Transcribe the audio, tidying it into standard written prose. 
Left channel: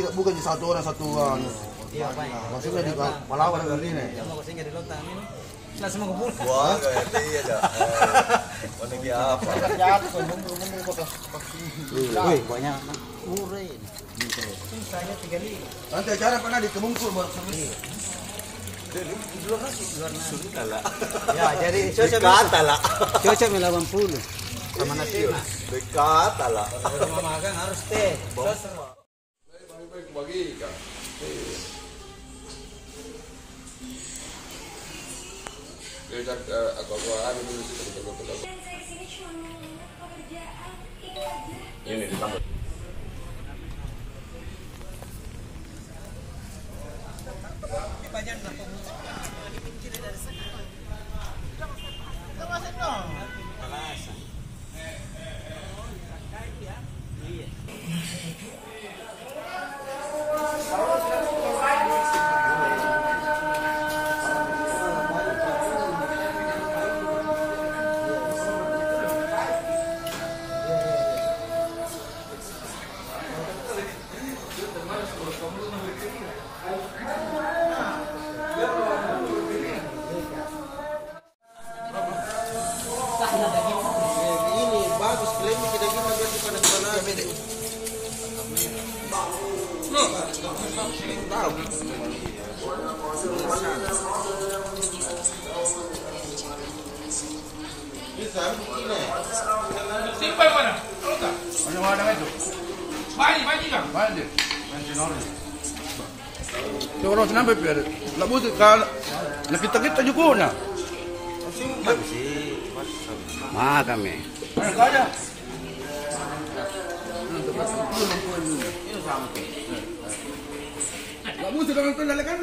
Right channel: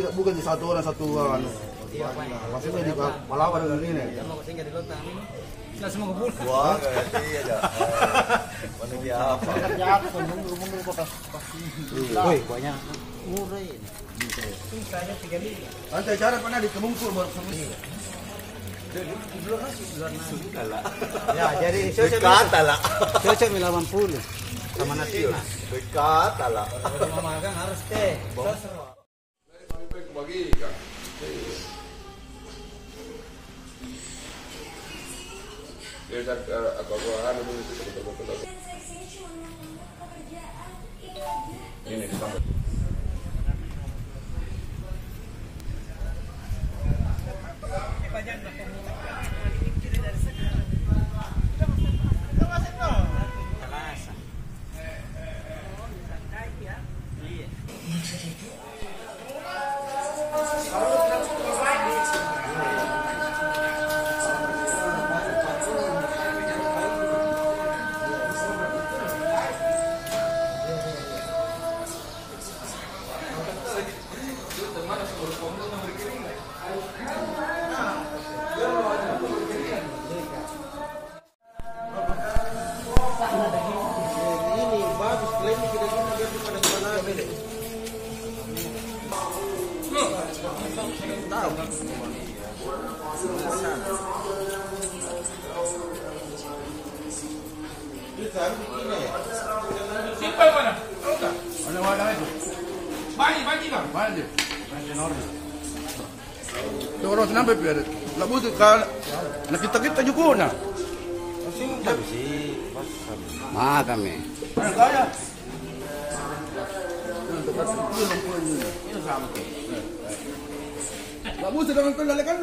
tidak bukan di satu orang satu anu. Iya, Pak. Maksudnya di Palawan dengan ini. Ya mau kesini dari lautan ini. Langsung mau kumpul. Wah, ngerti aja. Mana dia apa? Kerja aku menunggu kok pas. Wih, banyak murah ini. Ini saya 35. Nanti acara pernah di Kebungkur baru selesai. Luar nasi. Lah. Ya, jadi Dekat lah. cocok 80 sama nasi. Dekat lah. Kalau mau makan harus teh. Bagikan. Kita aku anu dulu sih betul-betul. Ini ditambah. Ini bagus, klaim tidak guna biasa pada sana. Tahu. Bisa ini. Simpan mana? Tahu tak? Mana itu? Banyak kan? Banyak. Orang kenapa biar? Lah butuh kan. Nak kita juga nak. Makan me. Mana kaya? Lah butuh dengan tu lalakan.